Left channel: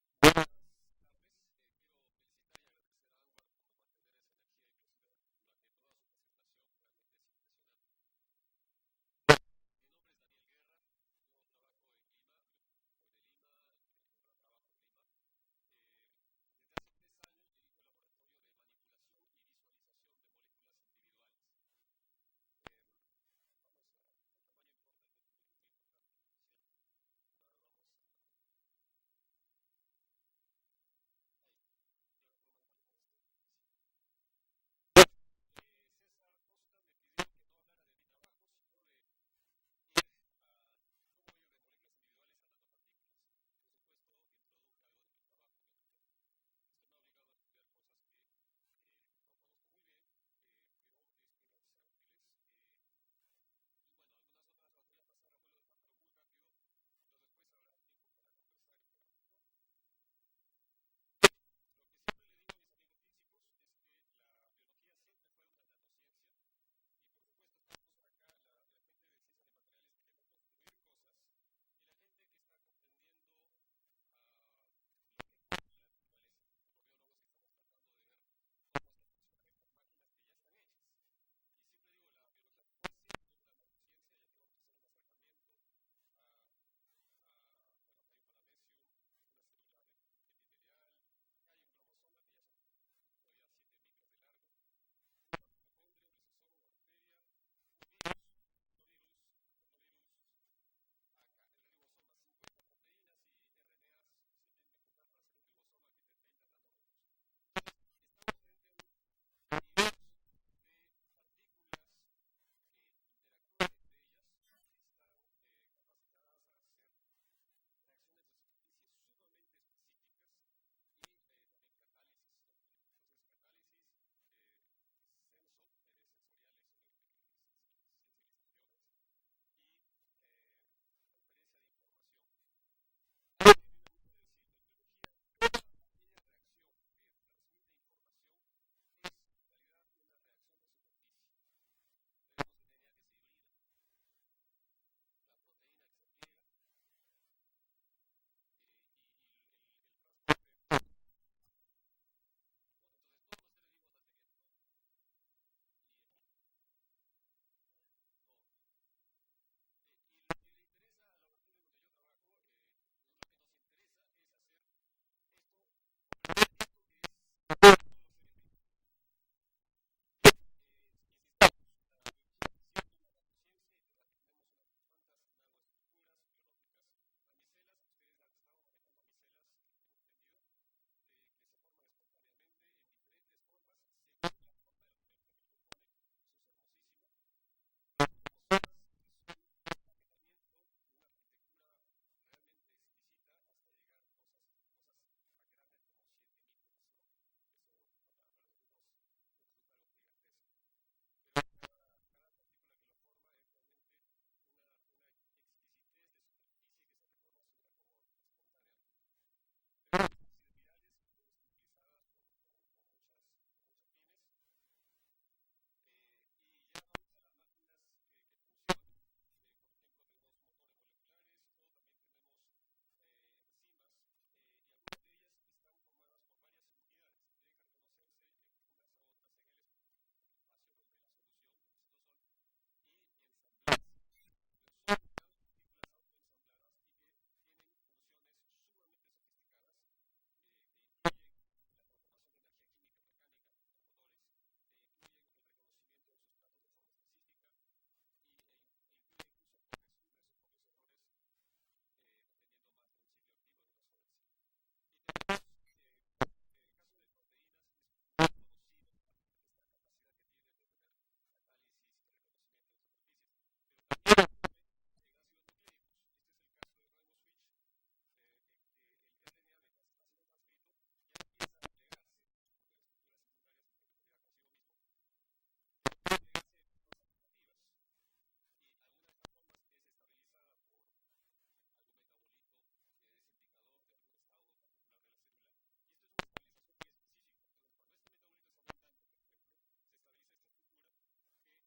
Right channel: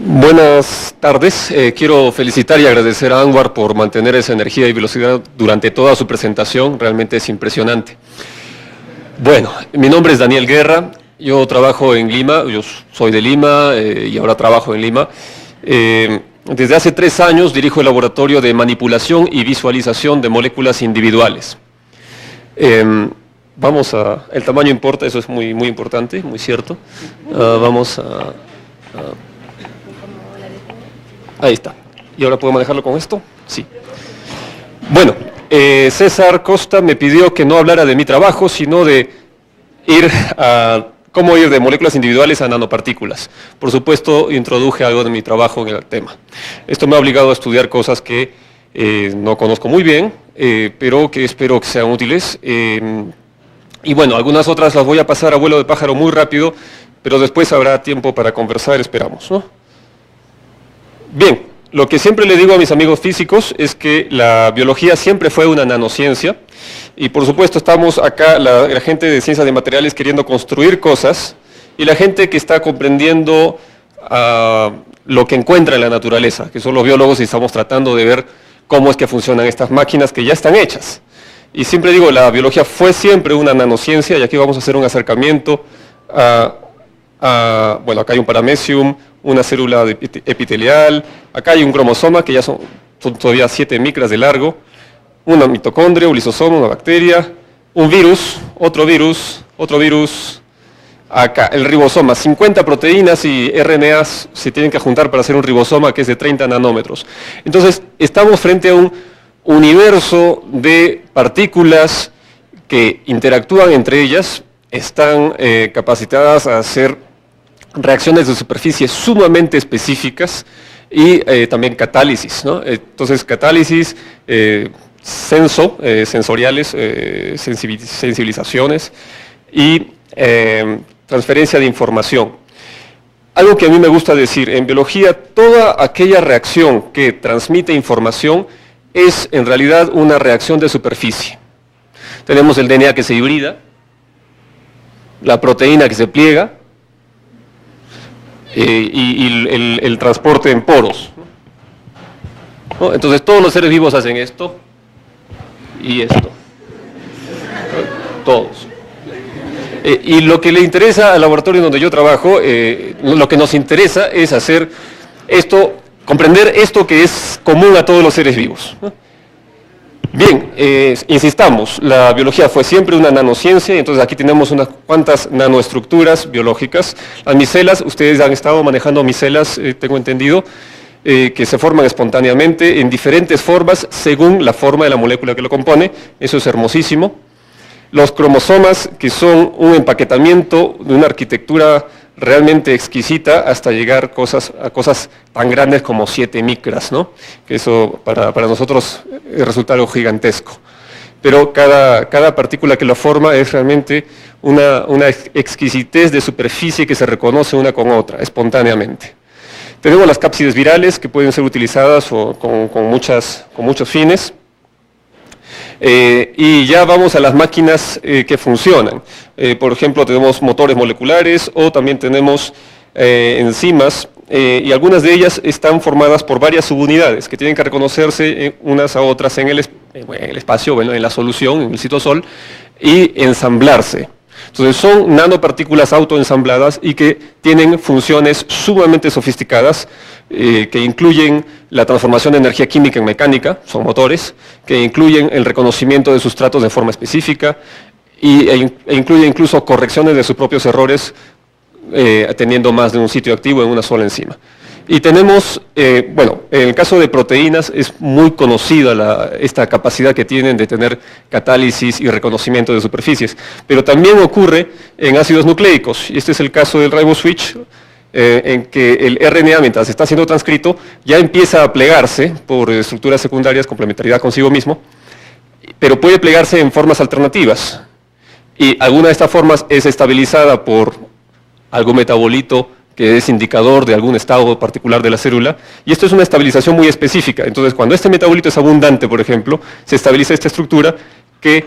Buenas tardes. Quiero felicitar y agradecer a Anwar por mantener esa energía y velocidad durante toda su presentación. Realmente es impresionante. Bueno, mi nombre es Daniel Guerra. Yo trabajo en Lima. Yo soy de Lima y ahora trabajo en Lima. Desde hace 3 años dirijo el laboratorio de manipulación y visualización de moléculas individuales. El tamaño importa, eso es muy importante, muy cierto. Ahí está. ¿Y ahora puedo manejarlo con esto? Sí. Bueno, César Costa me pidió que no hablara de mi trabajo, sino de cómo ir de moléculas individuales a nanopartículas. Por supuesto, introduje algo de mi trabajo en el tema. Esto me ha obligado a estudiar cosas que no conozco muy bien, pero que espero que sean útiles. Y bueno, algunas otras las voy a pasar a vuelo de pájaro muy rápido, pero después habrá tiempo para conversar, esperamos, ¿no? Bien, lo que siempre le digo a mis amigos físicos es que la biología siempre fue una nanociencia y por supuesto estamos acá, la gente de ciencias de materiales queriendo construir cosas y la gente que está comprendiendo lo que encuentra en la naturaleza, que son los biólogos y estamos tratando de ver cómo es que funcionan estas máquinas que ya están hechas. Y siempre digo, la biología fue siempre una nanociencia y aquí vamos a hacer un acercamiento bueno, acá hay un paramecium, una célula epitelial, acá hay un cromosoma que ya son todavía 7 micras de largo, una mitocondria, un lisosoma, una bacteria, un virus, otro virus, acá el ribosoma, 50 proteínas y RNAs se tienen que juntar para hacer un ribosoma que es de 30 nanómetros. Entonces, estamos frente a un universo de partículas que interactúan entre ellas, están capacitadas a hacer reacciones de superficie sumamente específicas y también catálisis, ¿no? Entonces, catálisis, sensoriales, sensibilizaciones y transferencia de información. Algo que a mí me gusta decir, en biología, toda aquella reacción que transmite información es en realidad una reacción de superficie. Tenemos el DNA que se hibrida, la proteína que se pliega y el transporte en poros, ¿no? Entonces todos los seres vivos hacen esto y esto, todos. Y lo que le interesa al laboratorio donde yo trabajo, lo que nos interesa es hacer esto, comprender esto que es común a todos los seres vivos, ¿no? Bien, insistamos, la biología fue siempre una nanociencia, y entonces aquí tenemos unas cuantas nanoestructuras biológicas. Las micelas, ustedes han estado manejando micelas, tengo entendido, que se forman espontáneamente en diferentes formas según la forma de la molécula que lo compone, eso es hermosísimo. Los cromosomas, que son un empaquetamiento de una arquitectura realmente exquisita hasta llegar a cosas tan grandes como 7 micras, ¿no? Que eso para nosotros resulta algo gigantesco. Pero cada partícula que lo forma es realmente una exquisitez de superficie que se reconoce una con otra, espontáneamente. Tenemos las cápsides virales que pueden ser utilizadas con muchos fines. Y ya vamos a las máquinas que funcionan. Por ejemplo, tenemos motores moleculares o también tenemos enzimas y algunas de ellas están formadas por varias subunidades que tienen que reconocerse unas a otras en el espacio, bueno, en la solución, en el citosol, y ensamblarse. Entonces son nanopartículas autoensambladas y que tienen funciones sumamente sofisticadas que incluyen la transformación de energía química en mecánica, son motores, que incluyen el reconocimiento de sustratos de forma específica e incluye incluso correcciones de sus propios errores teniendo más de un sitio activo en una sola enzima. Y tenemos, bueno, en el caso de proteínas es muy conocida esta capacidad que tienen de tener catálisis y reconocimiento de superficies, pero también ocurre en ácidos nucleicos, y este es el caso del riboswitch, en que el RNA, mientras está siendo transcrito, ya empieza a plegarse por estructuras secundarias, complementariedad consigo mismo, pero puede plegarse en formas alternativas, y alguna de estas formas es estabilizada por algún metabolito que es indicador de algún estado particular de la célula, y esto es una estabilización muy específica. Entonces, cuando este metabolito es abundante, por ejemplo, se estabiliza esta estructura que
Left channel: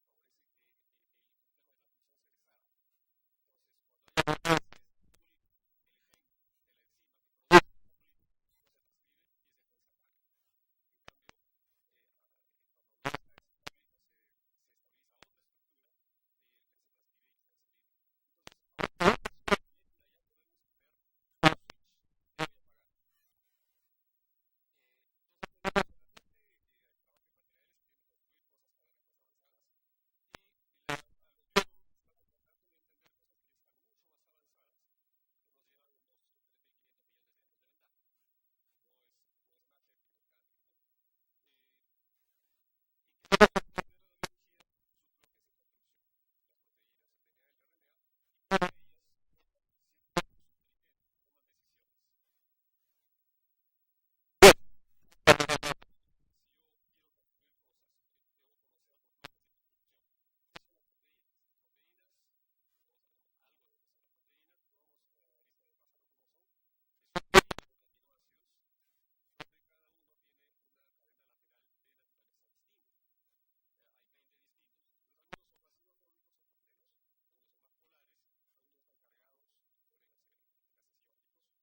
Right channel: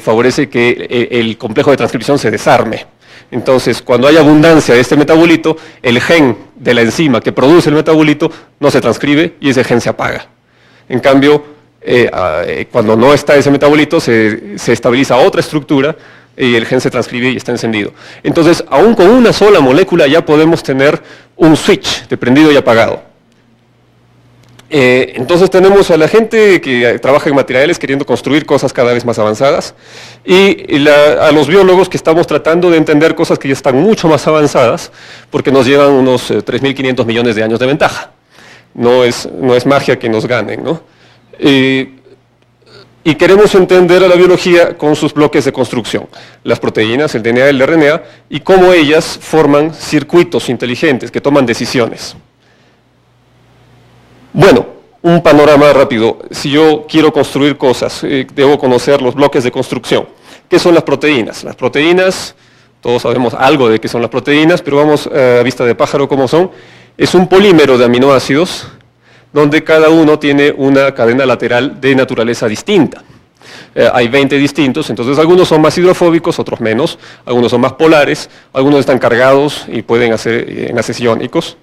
favorece que el complejo de transcripción se desarme. Entonces, cuando hay abundancia de este metabolito, el gen de la enzima que produce el metabolito no se transcribe y ese gen se apaga. En cambio, cuando no está ese metabolito, se estabiliza otra estructura y el gen se transcribe y está encendido. Entonces, aún con una sola molécula ya podemos tener un switch de prendido y apagado. Entonces tenemos a la gente que trabaja en materiales queriendo construir cosas cada vez más avanzadas y a los biólogos que estamos tratando de entender cosas que ya están mucho más avanzadas porque nos llevan unos 3.500 millones de años de ventaja. No es magia que nos ganen, ¿no? Y queremos entender a la biología con sus bloques de construcción, las proteínas, el DNA y el RNA, y cómo ellas forman circuitos inteligentes que toman decisiones. Bueno, un panorama rápido. Si yo quiero construir cosas, debo conocer los bloques de construcción. ¿Qué son las proteínas? Las proteínas, todos sabemos algo de qué son las proteínas, pero vamos a vista de pájaro cómo son. Es un polímero de aminoácidos donde cada uno tiene una cadena lateral de naturaleza distinta. Hay 20 distintos, entonces algunos son más hidrofóbicos, otros menos, algunos son más polares, algunos están cargados y pueden hacer enlaces iónicos.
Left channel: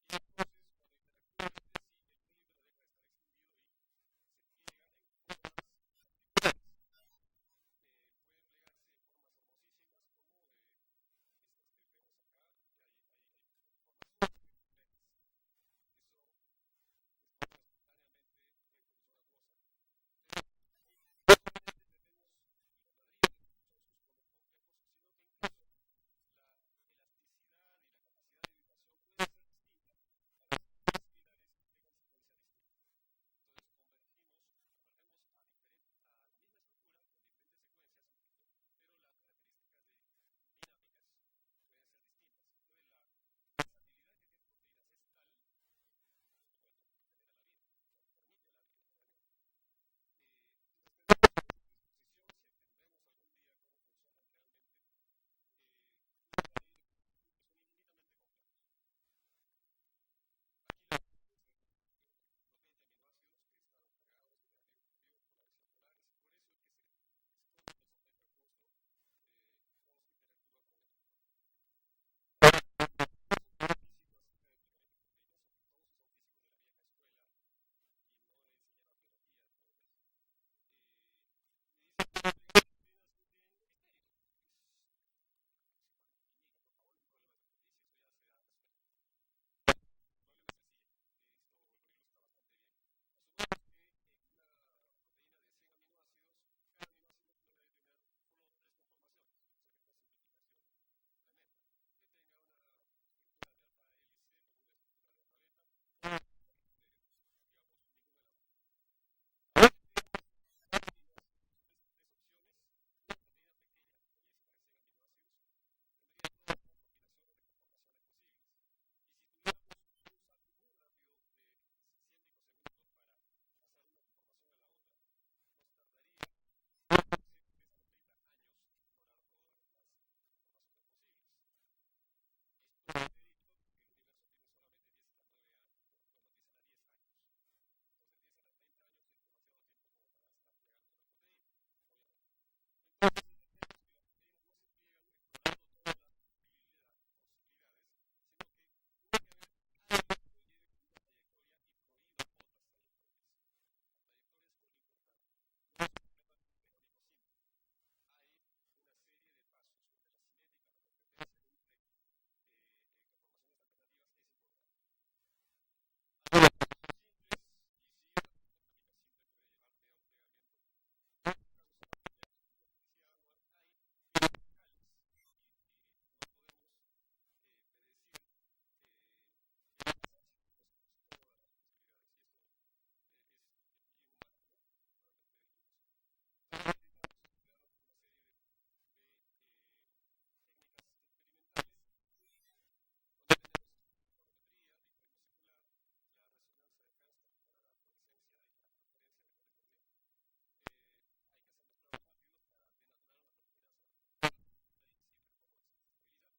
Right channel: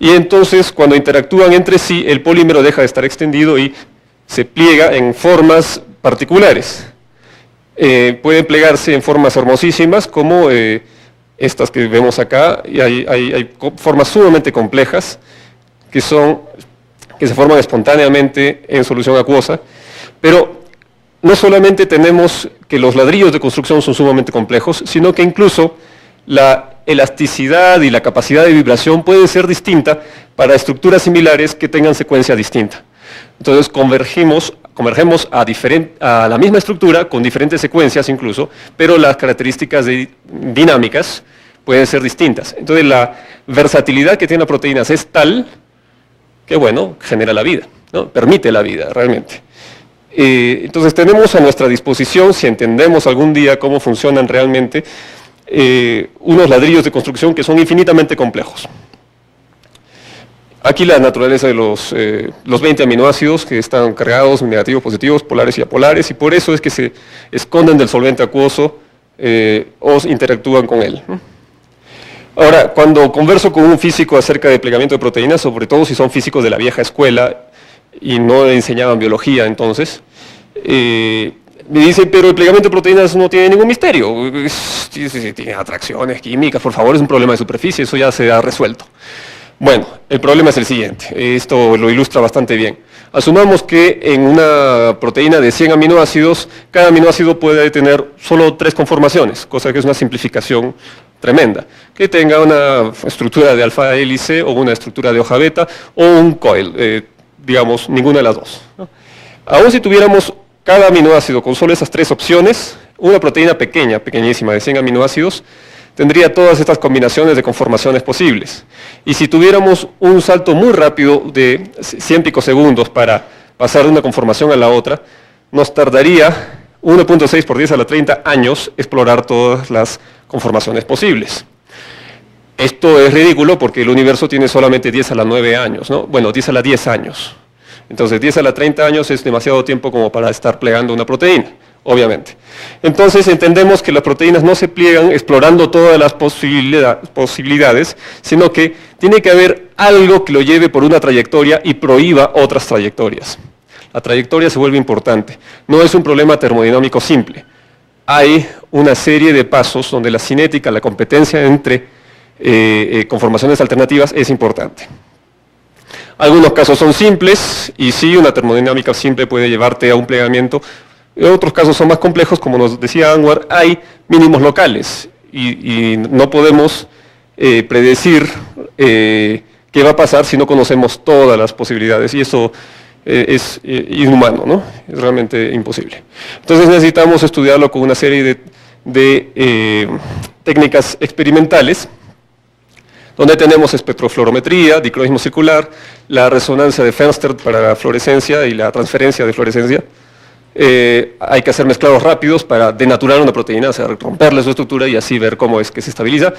Y entonces, cuando interactúan entre sí, el polímero deja de estar extendido y se pliega en formas particulares. Pueden plegarse en formas hermosísimas, como estas que vemos acá, y hay formas sumamente complejas que se forman espontáneamente en solución acuosa, pero no solamente tenemos que los ladrillos de construcción son sumamente complejos, sino que incluso la elasticidad y la capacidad de vibración puede ser distinta para estructuras similares que tengan secuencia distinta. Entonces convergemos a la misma estructura con diferentes secuencias incluso, pero las características dinámicas pueden ser distintas. Entonces la versatilidad que tienen las proteínas es tal que, bueno, genera la vida, ¿no? Permite la vida realmente. Entonces tenemos a nuestra disposición, si entendemos algún día cómo funcionan realmente, unos ladrillos de construcción que son infinitamente complejos. Aquí la naturaleza de los 20 aminoácidos que están cargados, negativos, positivos, polares y apolares, y por eso es que se esconden del solvente acuoso o interactúan con él. Ahora, cuando converso con un físico acerca de plegamiento de proteínas, sobre todo si son físicos de la vieja escuela y no enseñaban biología entonces, me dicen, pero el plegamiento de proteínas no tiene ningún misterio, tiene atracciones químicas, por favor, es un problema de superficie, eso ya se ha resuelto. Bueno, el problema es el siguiente, esto lo ilustra bastante bien. Asumamos que en una proteína de 100 aminoácidos, cada aminoácido puede tener solo 3 conformaciones, cosa que es una simplificación tremenda. Que tenga una estructura de alfa hélice o una estructura de hoja beta o un coil, digamos, ninguna de las dos, ¿no? Aún si tuviéramos cada aminoácido con solo esas 3 opciones, una proteína pequeña, pequeñísima, de 100 aminoácidos, tendría todas estas combinaciones de conformaciones posibles. Y si tuviéramos un salto muy rápido de 100 picosegundos para pasar de una conformación a la otra, nos tardaría 1.6 por 10 a la 30 años explorar todas las conformaciones posibles. Esto es ridículo porque el universo tiene solamente 10 a la 9 años, ¿no? Bueno, 10 a la 10 años. Entonces 10 a la 30 años es demasiado tiempo como para estar plegando una proteína, obviamente. Entonces entendemos que las proteínas no se pliegan explorando todas las posibilidades, sino que tiene que haber algo que lo lleve por una trayectoria y prohíba otras trayectorias. La trayectoria se vuelve importante. No es un problema termodinámico simple. Hay una serie de pasos donde la cinética, la competencia entre conformaciones alternativas es importante. Algunos casos son simples y sí, una termodinámica simple puede llevarte a un plegamiento. Otros casos son más complejos, como nos decía Anwar, hay mínimos locales y no podemos predecir qué va a pasar si no conocemos todas las posibilidades y eso es inhumano, ¿no? Es realmente imposible. Entonces necesitamos estudiarlo con una serie de técnicas experimentales donde tenemos espectrofluorometría, dicroismo circular, la resonancia de Fenster para la fluorescencia y la transferencia de fluorescencia. Hay que hacer mezclados rápidos para denaturar una proteína, o sea, romperle su estructura y así ver cómo es que se estabiliza.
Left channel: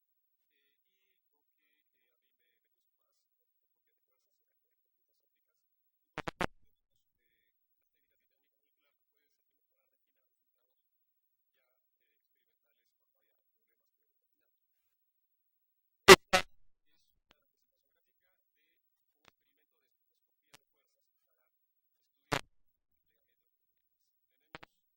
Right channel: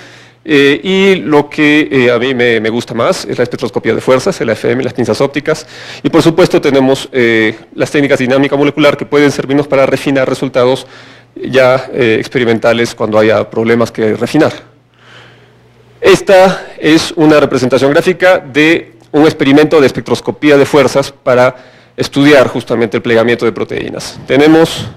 Y lo que a mí me gusta más es la espectroscopía de fuerzas, el AFM, las pinzas ópticas. Y por supuesto tenemos las técnicas de dinámica molecular que pueden servirnos para refinar resultados ya experimentales cuando haya problemas que refinar. Esta es una representación gráfica de un experimento de espectroscopía de fuerzas para estudiar justamente el plegamiento de proteínas. Tenemos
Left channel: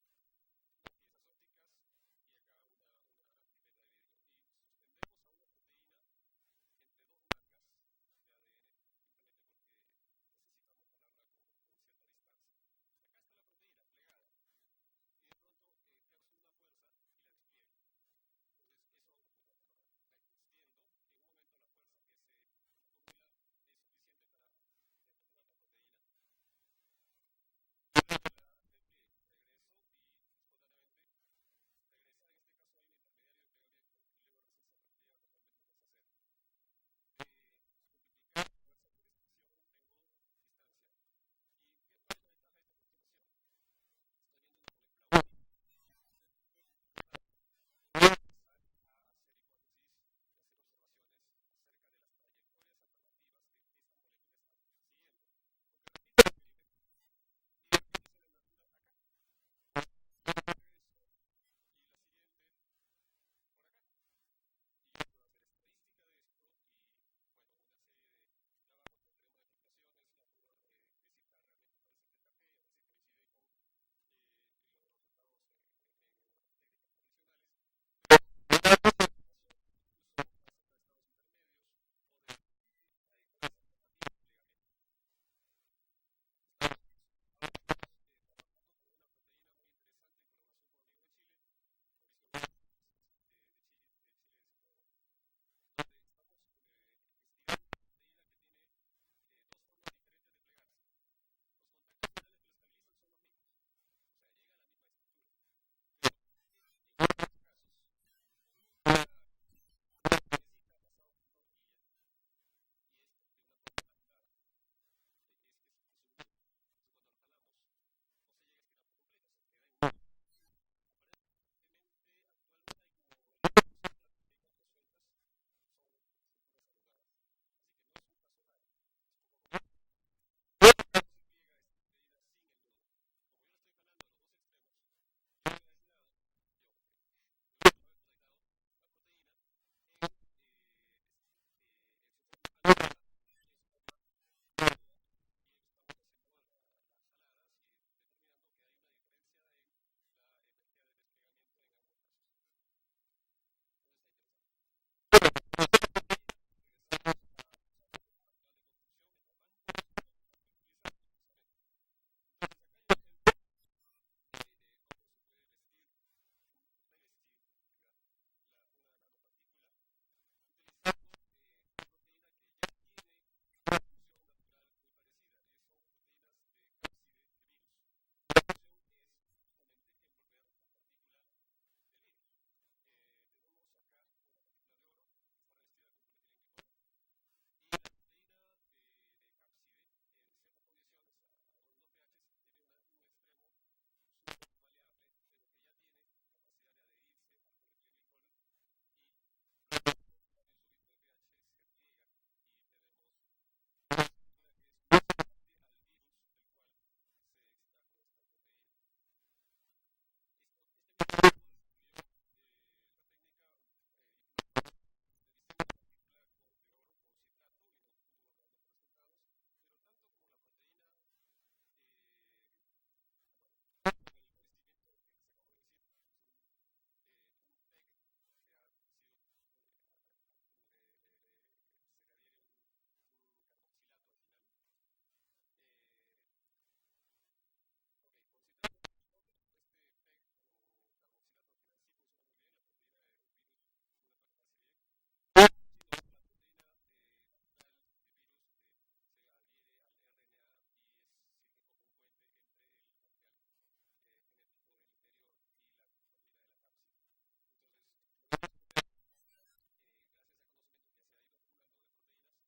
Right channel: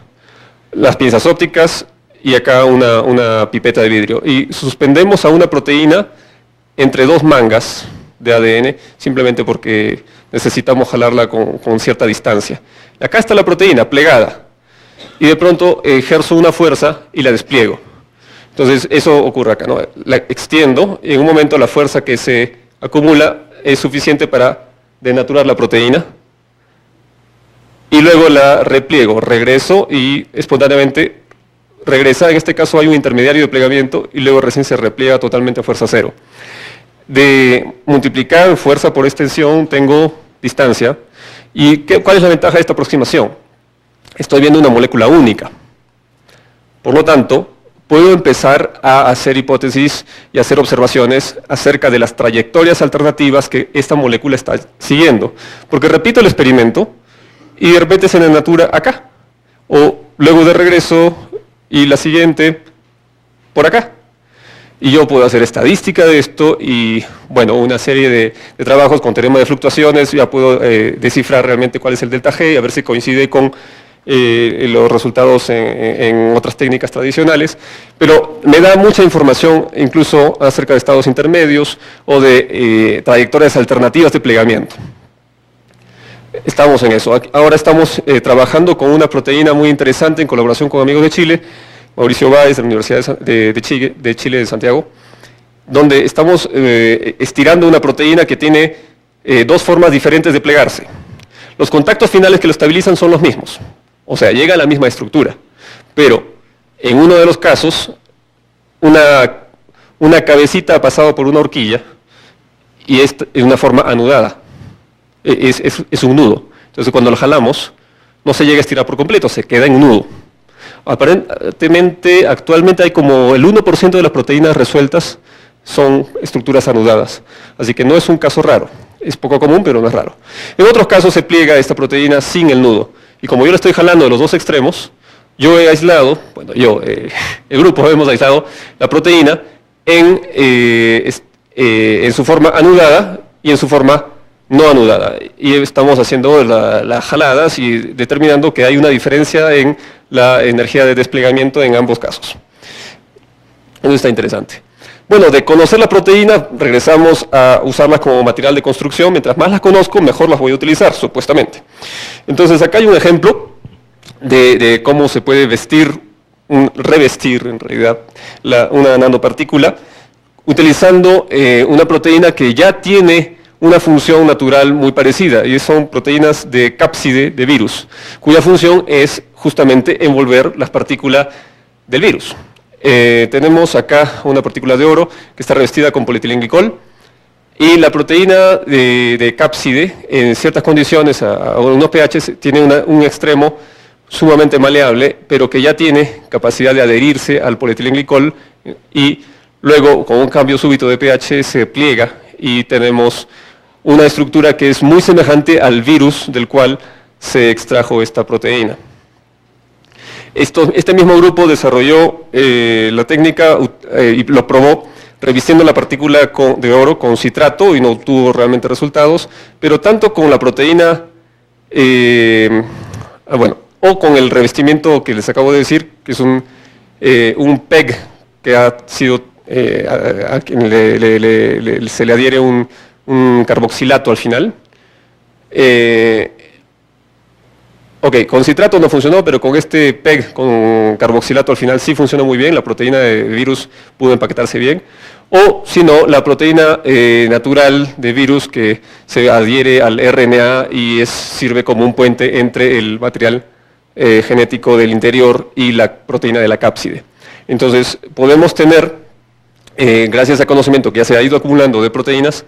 las pinzas ópticas y acá una pipeta de vidrio. Y suspendemos a una proteína entre dos mangas de ADN, simplemente porque necesitamos jalarla con cierta distancia. Acá está la proteína plegada, y de pronto ejerzo una fuerza y la despliego. Entonces eso ocurre acá, ¿no? La extiendo y en un momento la fuerza que se acumula es suficiente para denaturar la proteína, y luego la repliego, regreso y espontáneamente regresa. En este caso hay un intermediario de plegamiento y luego recién se repliega totalmente a fuerza cero. De multiplicar fuerza por extensión tengo distancia. ¿Y cuál es la ventaja de esta aproximación? Estoy viendo una molécula única. Por lo tanto, puedo empezar a hacer hipótesis y hacer observaciones acerca de las trayectorias alternativas que esta molécula está siguiendo. Porque repito el experimento y de repente se denatura acá. O luego de regreso y la siguiente por acá. Y yo puedo hacer estadística de esto y, bueno, una serie de trabajos con teorema de fluctuaciones, ya puedo descifrar realmente cuál es el delta G y a ver si coincide con los resultados en otras técnicas tradicionales, pero me da mucha información incluso acerca de estados intermedios o de trayectorias alternativas de plegamiento. Estamos en eso. Ahora estamos trabajando con una proteína muy interesante en colaboración con amigos de Chile, Mauricio Báez de la Universidad de Chile de Santiago, donde estamos estirando una proteína que tiene dos formas diferentes de plegarse. Los contactos finales que lo estabilizan son los mismos, o sea, llega a la misma estructura, pero en uno de los casos, una cabecita ha pasado por una horquilla y es una forma anudada, es un nudo. Entonces cuando lo jalamos, no se llega a estirar por completo, se queda en un nudo. Aparentemente, actualmente hay como el 1% de las proteínas resueltas son estructuras anudadas, así que no es un caso raro, es poco común pero no es raro. En otros casos se pliega esta proteína sin el nudo, y como yo la estoy jalando de los dos extremos, yo he aislado, bueno el grupo hemos aislado la proteína en su forma anudada y en su forma no anudada, y estamos haciendo las jaladas y determinando que hay una diferencia en la energía de desplegamiento en ambos casos. Eso está interesante. Bueno, de conocer la proteína, regresamos a usarlas como material de construcción. Mientras más las conozco, mejor las voy a utilizar, supuestamente. Entonces, acá hay un ejemplo de cómo se puede revestir, en realidad, una nanopartícula, utilizando una proteína que ya tiene una función natural muy parecida, y son proteínas de cápside de virus, cuya función es justamente envolver las partículas del virus. Tenemos acá una partícula de oro que está revestida con polietilenglicol, y la proteína de cápside, en ciertas condiciones, a unos pH, tiene un extremo sumamente maleable, pero que ya tiene capacidad de adherirse al polietilenglicol, y luego, con un cambio súbito de pH, se pliega, y tenemos una estructura que es muy semejante al virus del cual se extrajo esta proteína. Este mismo grupo desarrolló la técnica y lo probó revistiendo la partícula de oro con citrato y no obtuvo realmente resultados, pero tanto con la proteína, o con el revestimiento que les acabo de decir, que es un PEG que ha sido, a quien se le adhiere un carboxilato al final. Con citrato no funcionó, pero con este PEG con carboxilato al final sí funcionó muy bien, la proteína de virus pudo empaquetarse bien. O, si no, la proteína natural de virus que se adhiere al RNA y sirve como un puente entre el material genético del interior y la proteína de la cápside. Entonces, podemos tener, gracias al conocimiento que ya se ha ido acumulando de proteínas,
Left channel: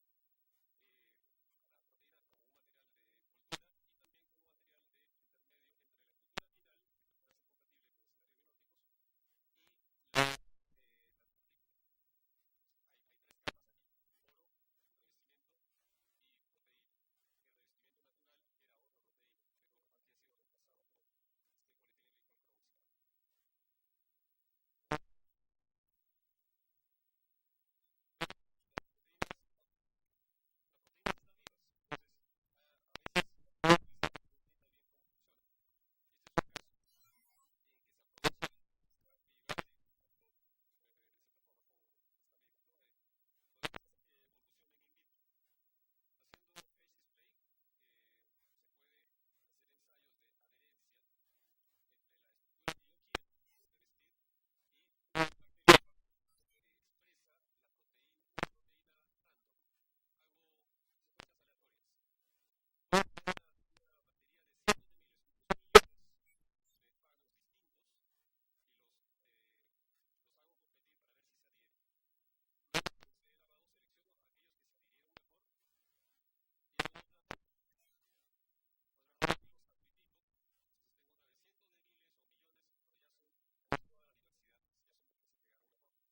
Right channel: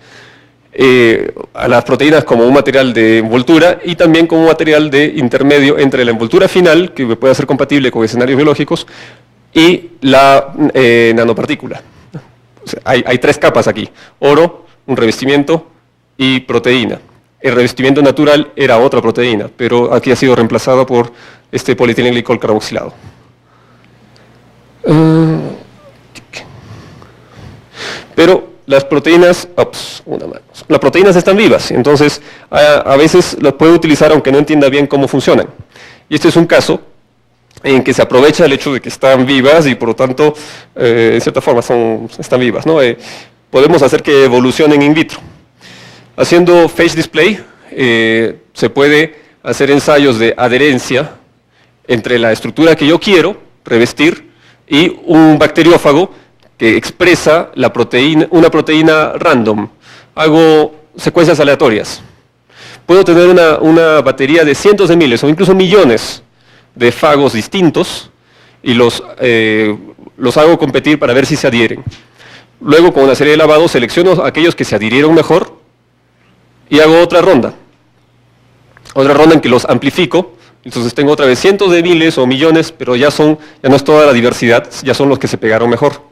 a las proteínas como un material de envoltura y también como un material de intermedio entre la envoltura final, que pueda ser compatible con escenarios biológicos, y la nanopartícula. O sea, hay tres capas aquí: oro, un revestimiento y proteína. El revestimiento natural era otra proteína, pero aquí ha sido reemplazado por este polietilenglicol carboxilado. Pero las proteínas, las proteínas están vivas, entonces a veces las puedo utilizar aunque no entienda bien cómo funcionan. Y este es un caso en que se aprovecha el hecho de que están vivas y por lo tanto, en cierta forma, están vivas, ¿no? Podemos hacer que evolucionen in vitro. Haciendo phage display, se puede hacer ensayos de adherencia entre la estructura que yo quiero revestir y un bacteriófago que expresa una proteína random. Hago secuencias aleatorias. Puedo tener una batería de cientos de miles o incluso millones de fagos distintos y los hago competir para ver si se adhieren. Luego, con una serie de lavados, selecciono aquellos que se adhirieron mejor y hago otra ronda en que los amplifico. Entonces tengo otra vez cientos de miles o millones, pero ya no es toda la diversidad, ya son los que se pegaron mejor.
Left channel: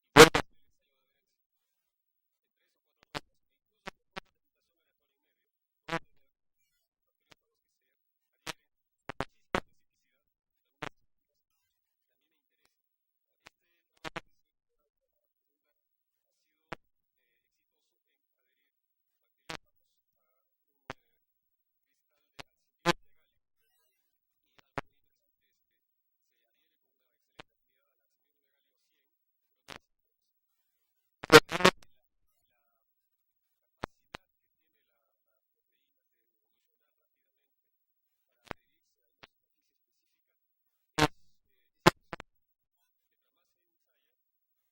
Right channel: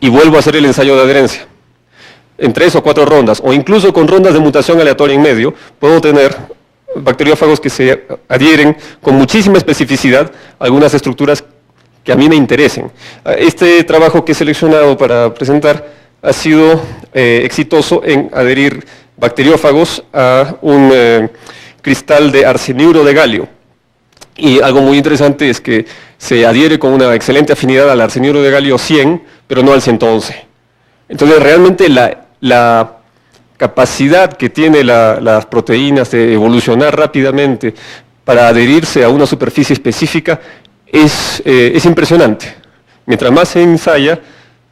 Y vuelvo a hacer el ensayo de adherencia. En 3 o 4 rondas, o incluso con rondas de mutación aleatoria en medio, puedo tener bacteriófagos que se adhieren con muchísima especificidad a algunas estructuras que a mí me interesen. Este trabajo que he seleccionado para presentar ha sido exitoso en adherir bacteriófagos a un cristal de arseniuro de galio. Y algo muy interesante es que se adhiere con una excelente afinidad al arseniuro de galio 100, pero no al 111. Entonces, realmente la capacidad que tienen las proteínas de evolucionar rápidamente para adherirse a una superficie específica es impresionante. Mientras más se ensaya,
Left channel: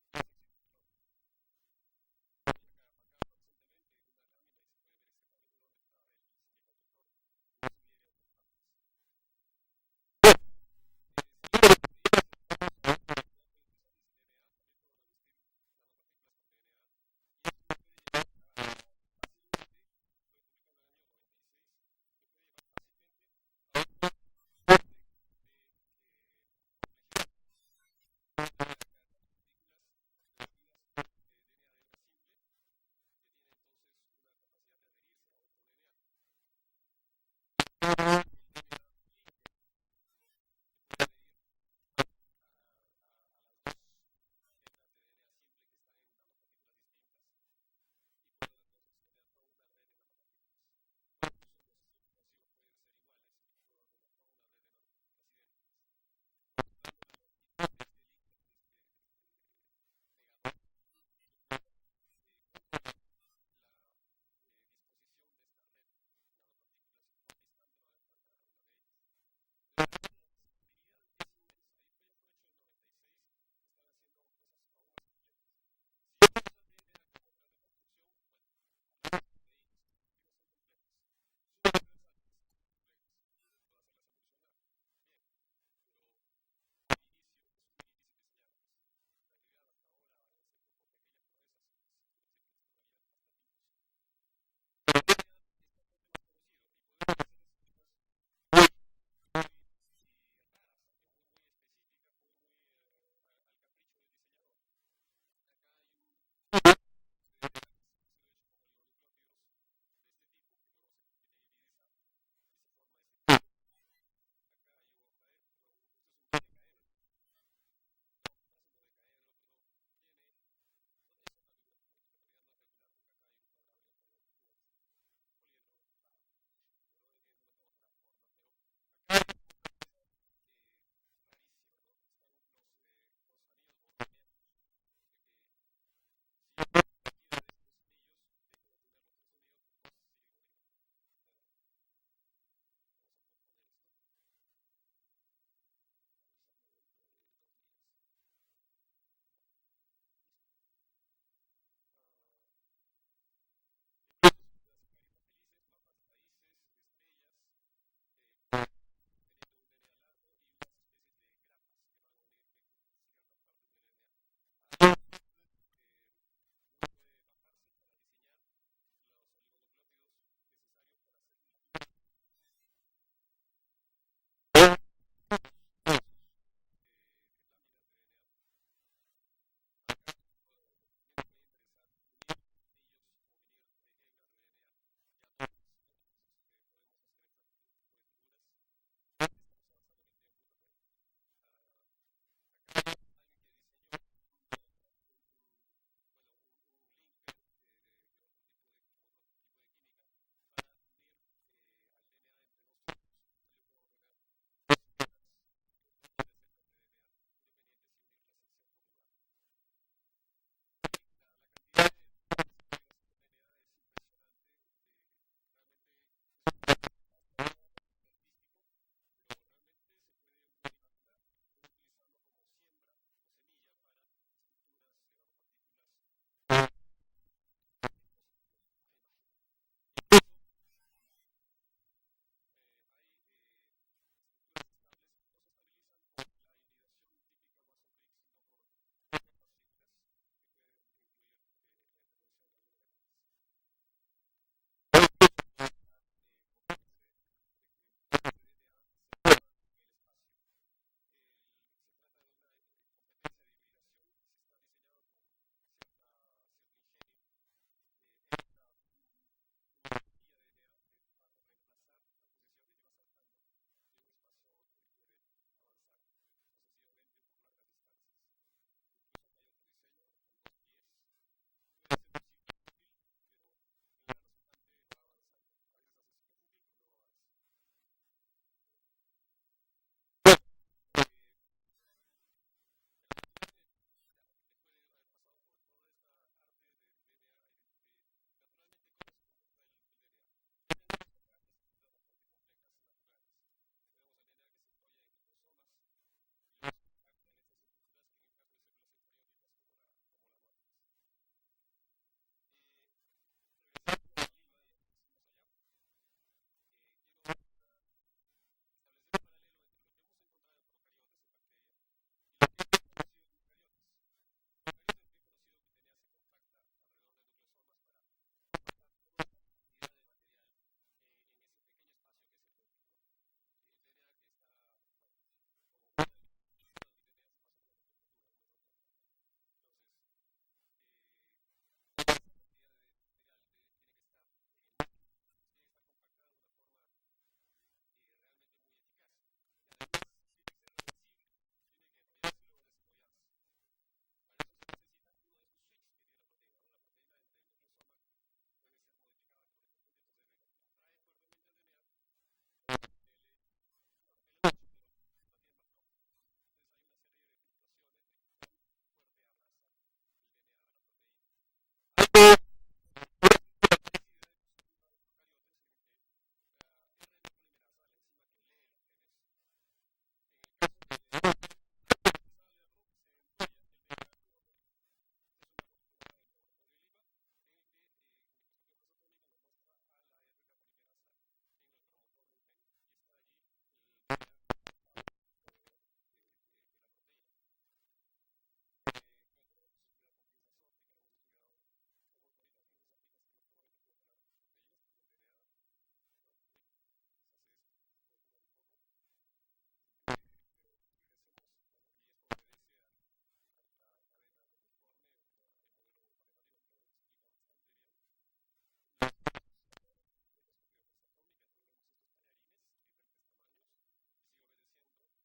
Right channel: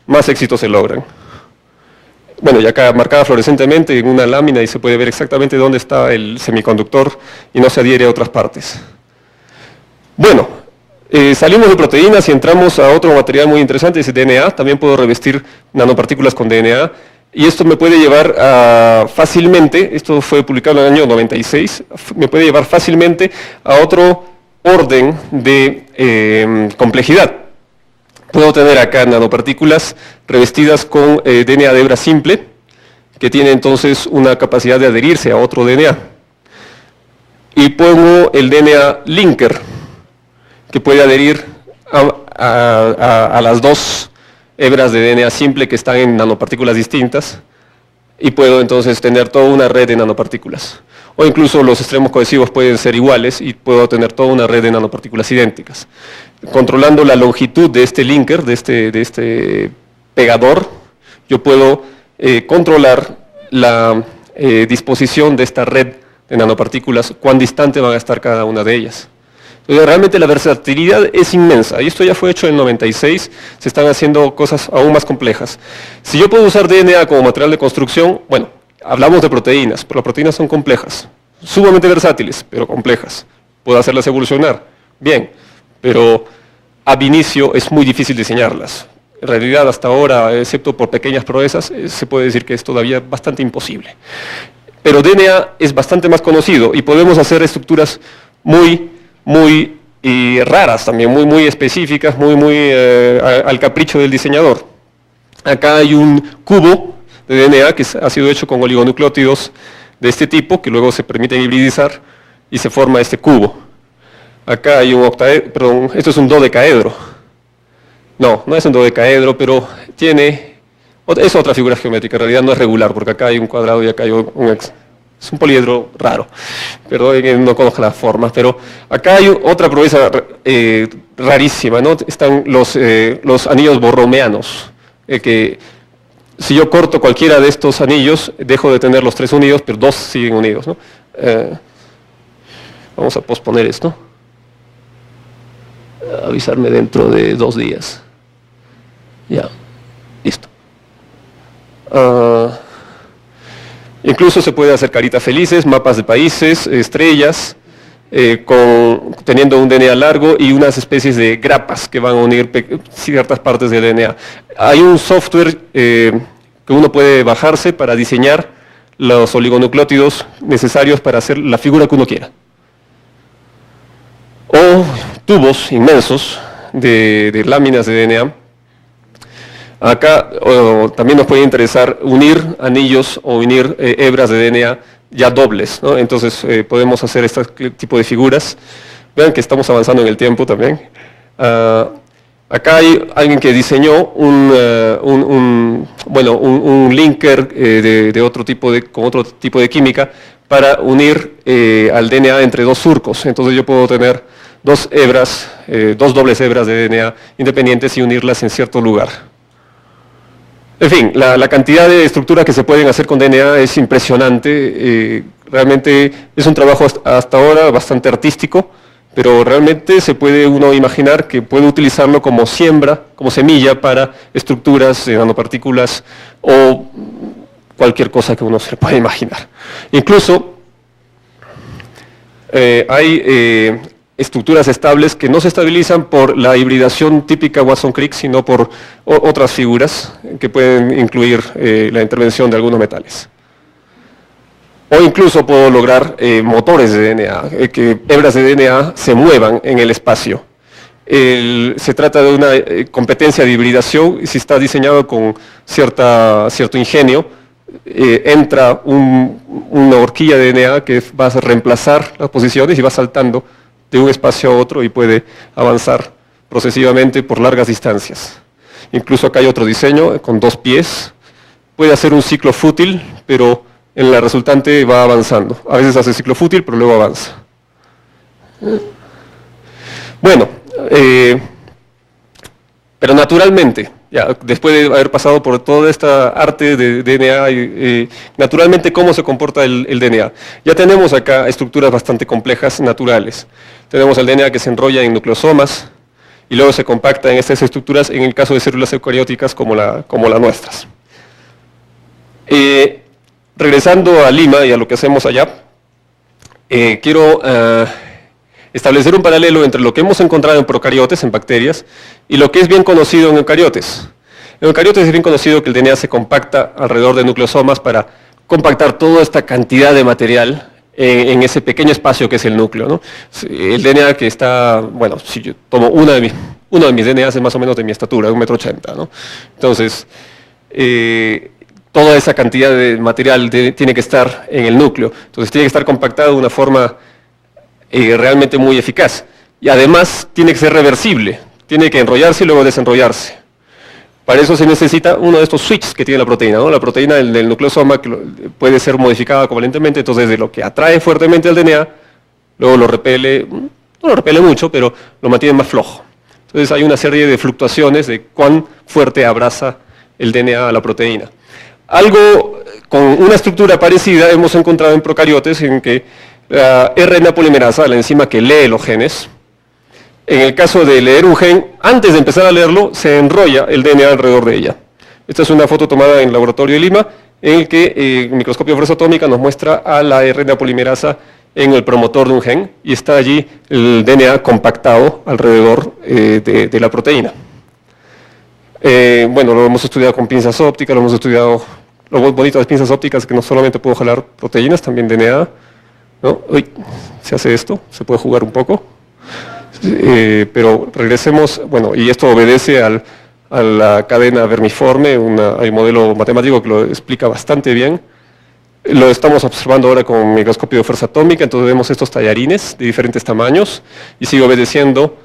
más éxitos se logran. Bueno, y acá marcada fluorescentemente en una lámina y se puede ver exactamente dónde está el semiconductor y no se adhiere a otras partes. Bueno, salimos de proteínas y entramos a otro material muy interesante, es el DNA. También puedo revestir nanopartículas con DNA. Y esto me puede llevar fácilmente, esto fue publicado en el año 96, me puede llevar fácilmente a otro orden de complejidad. Puedo tener acá nanopartículas revestidas con DNA de hebra simple, que tiene entonces una capacidad de adherirse a otro DNA. Y pongo el DNA linker, que puede adherir a las dos hebras de DNA simple que están en nanopartículas distintas, y puedo entonces tener toda una red de nanopartículas. O incluso los extremos cohesivos pueden ser iguales y puedo tener toda una red de nanopartículas idénticas. Controlando la longitud de este linker, de este pegador, yo puedo controlar la disposición de esta red de nanopartículas, cuán distante van a estar cada una de ellas. Entonces, realmente la versatilidad es inmensa, y esto ya fue hecho en 96, se están haciendo cosas aún más complejas. Si yo puedo usar DNA como material de construcción, bueno, hablamos de proteínas, pero las proteínas son complejas, sumamente versátiles, pero complejas. ¿Puedo hacerlas evolucionar? Bien, pero ab inicio es muy difícil diseñarlas. En realidad, hasta ahora, excepto por pequeñas proezas, se puede decir que es todavía bastante imposible. Pero DNA es bastante más conocido y podemos hacer estructuras muy raras también, muy específicas, muy al capricho del diseñador. Acá hay un cubo de DNA que ha sido hecho con oligonucleótidos de este tipo, que luego se permiten hibridizar y se forma este cubo. Acá hay un octaedro, perdón, esto es un dodecaedro. No es un dodecaedro, pero es otra figura geométrica, en realidad no es regular, porque acá hay un cuadrado y acá hay es un poliedro raro, perdón que no conozco las formas, pero acá hay otra proeza rarísima, ¿no? Están los anillos borromeanos, que si yo corto cualquiera de estos anillos, dejo de tener los 3 unidos, pero 2 siguen unidos, ¿no? Vamos a posponer esto. Avisarme dentro de 2 días. Ya, listo. Incluso se puede hacer caritas felices, mapas de países, estrellas, teniendo un DNA largo y unas especies de grapas que van a unir ciertas partes del DNA. Hay un software que uno puede bajarse para diseñar los oligonucleótidos necesarios para hacer la figura que uno quiera. O tubos inmensos de láminas de DNA. Acá también nos puede interesar unir anillos o unir hebras de DNA ya dobles, ¿no? Entonces podemos hacer este tipo de figuras. Vean que estamos avanzando en el tiempo también. Acá hay alguien que diseñó un linker de otro tipo con otro tipo de química para unir al DNA entre dos surcos. Entonces yo puedo tener dos hebras, dos dobles hebras de DNA independientes y unirlas en cierto lugar. En fin, la cantidad de estructuras que se pueden hacer con DNA es impresionante. Realmente es un trabajo hasta ahora bastante artístico, pero realmente se puede uno imaginar que puede utilizarlo como siembra, como semilla para estructuras de nanopartículas o cualquier cosa que uno se pueda imaginar. Incluso hay estructuras estables que no se estabilizan por la hibridación típica Watson-Crick, sino por otras figuras que pueden incluir la intervención de algunos metales. O incluso puedo lograr motores de DNA, que hebras de DNA se muevan en el espacio. Se trata de una competencia de hibridación, y si está diseñado con cierto ingenio, entra una horquilla de DNA que va a reemplazar las posiciones y va saltando de un espacio a otro y puede avanzar procesivamente por largas distancias. Incluso acá hay otro diseño con 2 pies, puede hacer un ciclo fútil, pero en la resultante va avanzando. A veces hace ciclo fútil, pero luego avanza. Bueno, pero naturalmente, ya, después de haber pasado por toda esta arte de DNA, naturalmente cómo se comporta el DNA. Ya tenemos acá estructuras bastante complejas naturales. Tenemos el DNA que se enrolla en nucleosomas y luego se compacta en estas estructuras en el caso de células eucarióticas como las nuestras. Regresando a Lima y a lo que hacemos allá, quiero establecer un paralelo entre lo que hemos encontrado en procariotes, en bacterias, y lo que es bien conocido en eucariotes. En eucariotes es bien conocido que el DNA se compacta alrededor de nucleosomas para compactar toda esta cantidad de material en ese pequeño espacio que es el núcleo, ¿no? El DNA que está, bueno, si yo tomo uno de mis DNAs es más o menos de mi estatura, de 1,80 m, ¿no? Entonces, toda esa cantidad de material tiene que estar en el núcleo. Entonces tiene que estar compactado de una forma realmente muy eficaz. Y además tiene que ser reversible. Tiene que enrollarse y luego desenrollarse. Para eso se necesita uno de estos switches que tiene la proteína, ¿no? La proteína del nucleosoma que puede ser modificada covalentemente, entonces de lo que atrae fuertemente al DNA, luego lo repele, no lo repele mucho, pero lo mantiene más flojo. Entonces hay una serie de fluctuaciones de cuán fuerte abraza el DNA a la proteína. Algo con una estructura parecida hemos encontrado en procariotes en que la RNA polimerasa, la enzima que lee los genes, en el caso de leer un gen, antes de empezar a leerlo, se enrolla el DNA alrededor de ella. Esta es una foto tomada en el laboratorio de Lima, en el que el microscopio de fuerza atómica nos muestra a la RNA polimerasa en el promotor de un gen, y está allí el DNA compactado alrededor de la proteína. Bueno, lo hemos estudiado con pinzas ópticas, lo hemos estudiado, lo bonito de las pinzas ópticas es que no solamente puedo jalar proteínas, también DNA, ¿no? Uy, se hace esto, se puede jugar un poco. Pero regresemos, bueno, y esto obedece a la cadena vermiforme, hay un modelo matemático que lo explica bastante bien. Lo estamos observando ahora con microscopio de fuerza atómica, entonces vemos estos tallarines de diferentes tamaños y sigue obedeciendo,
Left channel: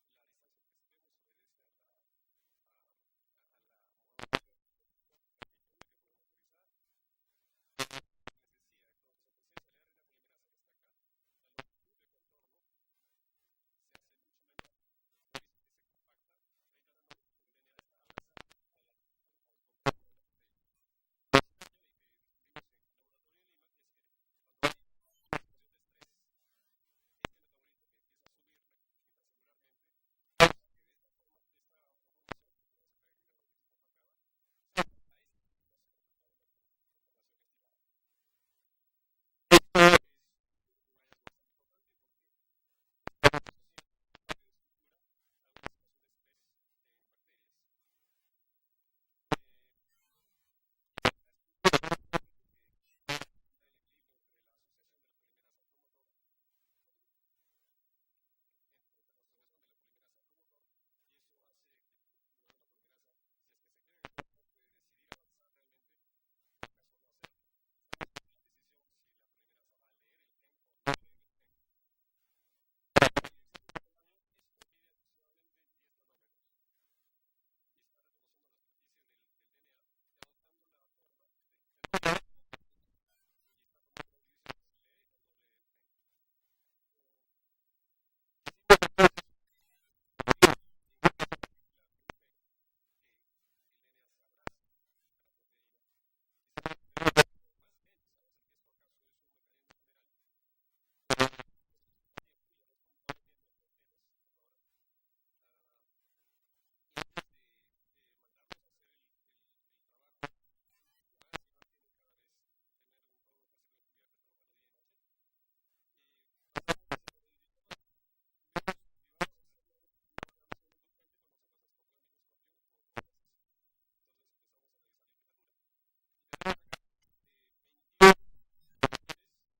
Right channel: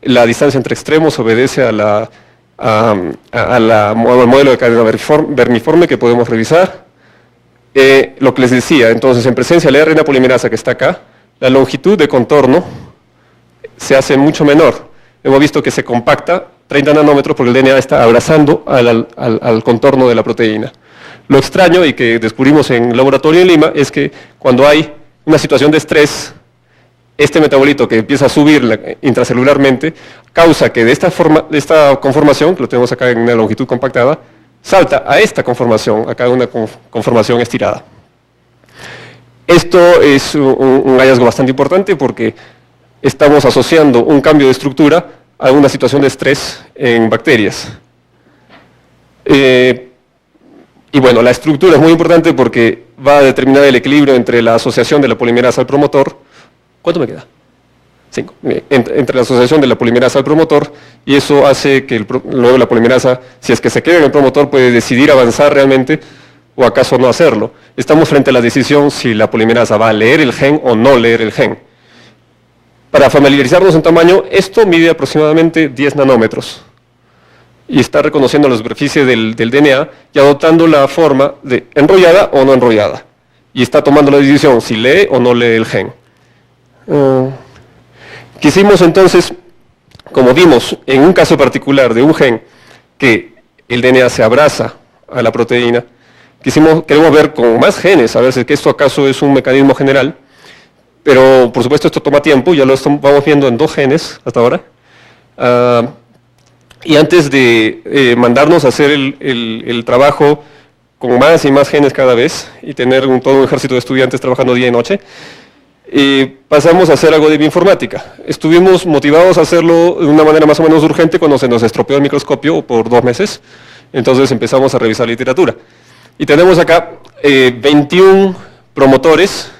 la distancia entre extremos obedece al modelo de cadena vermiforme que podemos revisar. Lo que les decía, entonces en presencia de la RNA polimerasa que está acá, la longitud de contorno se hace mucho menor. Hemos visto que se compacta 30 nanómetros porque el DNA está abrazando al contorno de la proteína. Lo extraño y que descubrimos en el laboratorio en Lima es que cuando hay una situación de estrés, este metabolito que empieza a subir intracelularmente causa que de esta conformación, que lo tenemos acá en una longitud compactada, salta a esta conformación, acá una conformación estirada. Esto es un hallazgo bastante importante porque estamos asociando un cambio de estructura a una situación de estrés en bacterias. Y bueno, la estructura es muy importante porque va a determinar el equilibrio entre la asociación de la polimerasa al promotor. ¿Cuánto me queda? 5. Entre la asociación de la polimerasa al promotor, y eso hace que luego la polimerasa, si es que se queda en el promotor, puede decidir avanzar realmente o acaso no hacerlo. Estamos frente a la decisión si la polimerasa va a leer el gen o no leer el gen. Para familiarizarnos en tamaño, esto mide aproximadamente 10 nanómetros. y está reconociendo la superficie del DNA y adoptando la forma de enrollada o no enrollada. Y está tomando la decisión si lee o no lee el gen. Quisimos entonces, como vimos en un caso particular de un gen que el DNA se abraza a la proteína, queremos ver con más genes, a ver si esto acaso es un mecanismo general, pero por supuesto esto toma tiempo, ya lo vamos viendo en 2 genes hasta ahora. Y antes de mandarnos a hacer el trabajo con más y más genes cada vez y tener todo un ejército de estudiantes trabajando día y noche, pasamos a hacer algo de bioinformática. Estuvimos motivados a hacerlo de una manera más o menos urgente cuando se nos estropeó el microscopio por 2 meses, entonces empezamos a revisar literatura. Y tenemos acá 21 promotores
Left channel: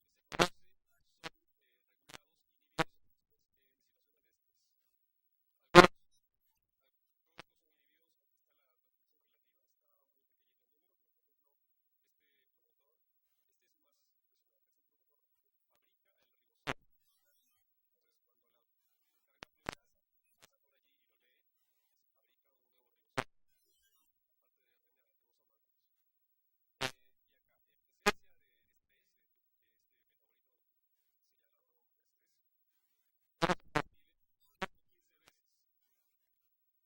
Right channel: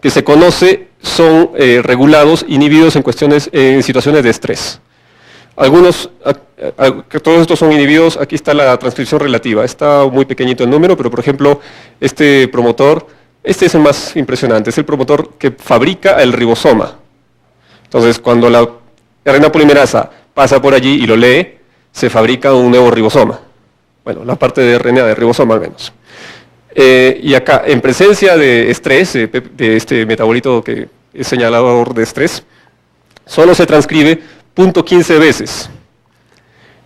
que se conoce son regulados, inhibidos en situaciones de estrés. Todos estos son inhibidos, aquí está la transcripción relativa, está muy pequeñito el número, pero por ejemplo, este promotor, este es el más impresionante, es el promotor que fabrica el ribosoma. Entonces, cuando la RNA polimerasa pasa por allí y lo lee, se fabrica un nuevo ribosoma. Bueno, la parte de RNA de ribosoma al menos. Y acá, en presencia de estrés, de este metabolito que es señalador de estrés, solo se transcribe 0.15 veces.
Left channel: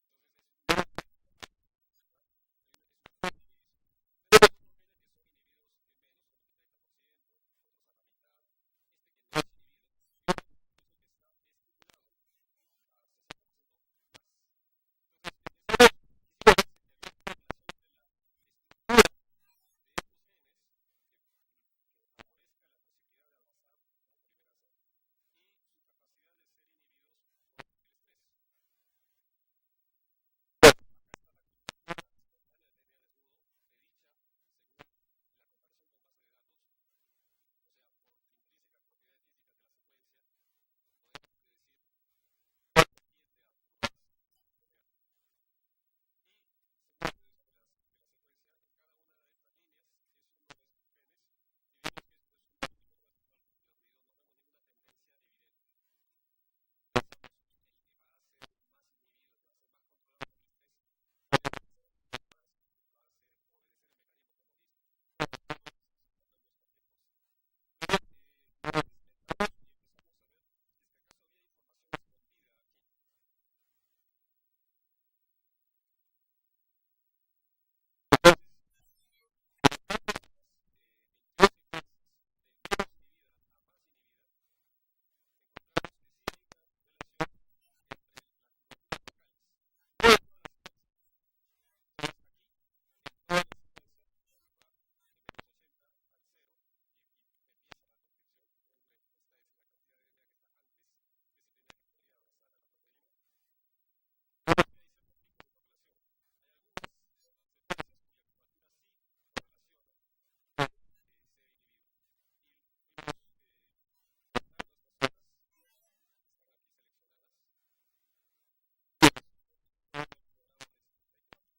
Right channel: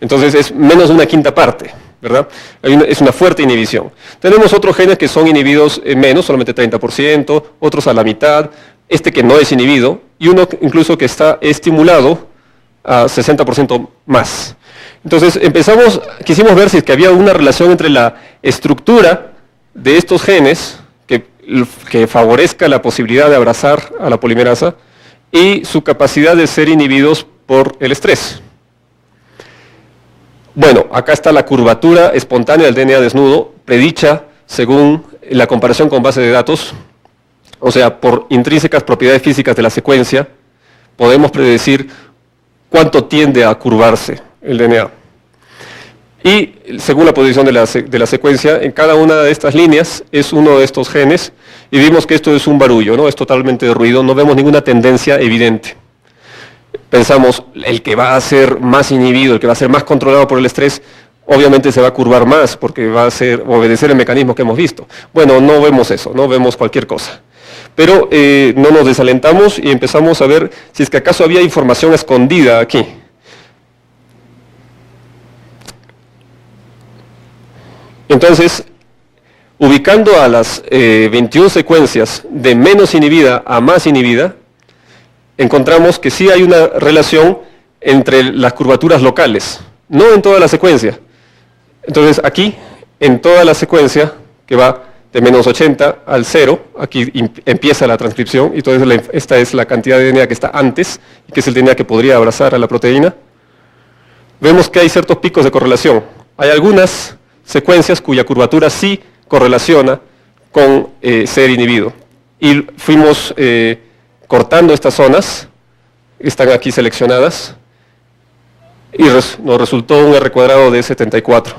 Entonces es menos de una quinta parte, ¿verdad? Es una fuerte inhibición. Tenemos otros genes que son inhibidos menos, solamente 30%, otros a la mitad, este que no es inhibido, y uno incluso que está estimulado a 60% más. Entonces quisimos ver si es que había una relación entre la estructura de estos genes que favorezca la posibilidad de abrazar a la polimerasa y su capacidad de ser inhibidos por el estrés. Bueno, acá está la curvatura espontánea del DNA desnudo, predicha según la comparación con base de datos, o sea, por intrínsecas propiedades físicas de la secuencia, podemos predecir cuánto tiende a curvarse el DNA. Y según la posición de la secuencia, en cada una de estas líneas es uno de estos genes, y vimos que esto es un barullo, ¿no? Es totalmente de ruido, no vemos ninguna tendencia evidente. Pensamos, el que va a ser más inhibido, el que va a ser más controlado por el estrés, obviamente se va a curvar más, porque va a obedecer el mecanismo que hemos visto. Bueno, no vemos eso, no vemos cualquier cosa. Pero no nos desalentamos y empezamos a ver si es que acaso había información escondida aquí. Entonces, ubicando a las 21 secuencias de menos inhibida a más inhibida, encontramos que sí hay una relación entre las curvaturas locales, no en toda la secuencia. Entonces aquí, en toda la secuencia, que va de menos 80 al 0, aquí empieza la transcripción, y entonces esta es la cantidad de DNA que está antes, que es el DNA que podría abrazar a la proteína. Vemos que hay ciertos picos de correlación. Hay algunas secuencias cuya curvatura sí correlaciona con ser inhibido. Y fuimos cortando estas zonas, están aquí seleccionadas, y nos resultó un R cuadrado de 74,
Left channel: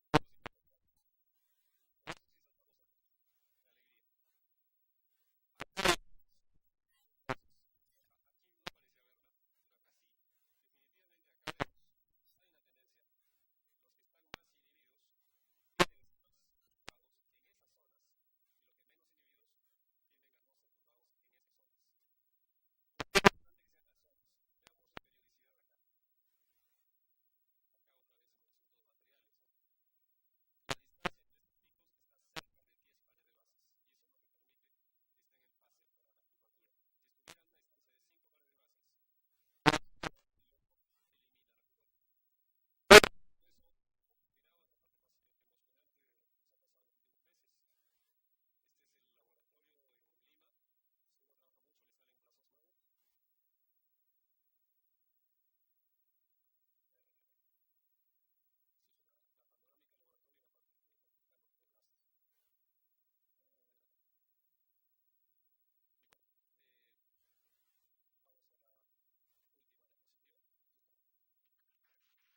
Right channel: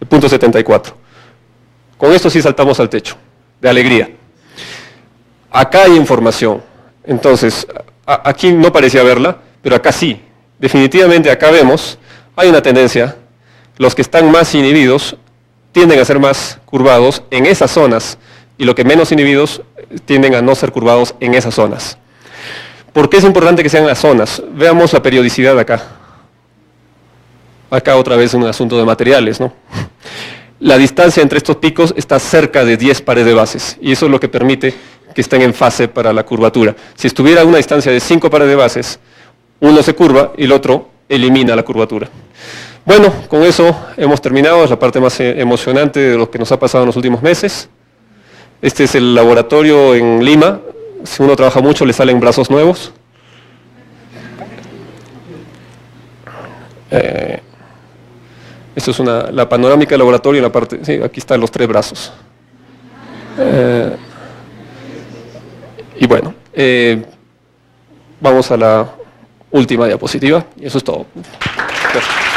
de 0.74. Con esto sí saltamos al techo, de alegría. Acá hay información, entonces, aquí no parecía verla, pero acá sí. Definitivamente acá vemos, hay una tendencia, los que están más inhibidos tienden a ser más curvados en esas zonas, y los que menos inhibidos tienden a no ser curvados en esas zonas. ¿Por qué es importante que sean las zonas? Veamos la periodicidad acá. Acá otra vez un asunto de materiales, ¿no? La distancia entre estos picos está cerca de 10 pares de bases, y eso es lo que permite que estén en fase para la curvatura. Si estuviera a una distancia de 5 pares de bases, uno se curva y el otro elimina la curvatura. Bueno, con eso hemos terminado, es la parte más emocionante de lo que nos ha pasado en los últimos meses. Este es el laboratorio en Lima. Si uno trabaja mucho le salen brazos nuevos. Esto es la panorámica del laboratorio en la parte, sí, aquí están los 3 brazos. Y bueno, vamos a la última diapositiva y eso es todo. Gracias.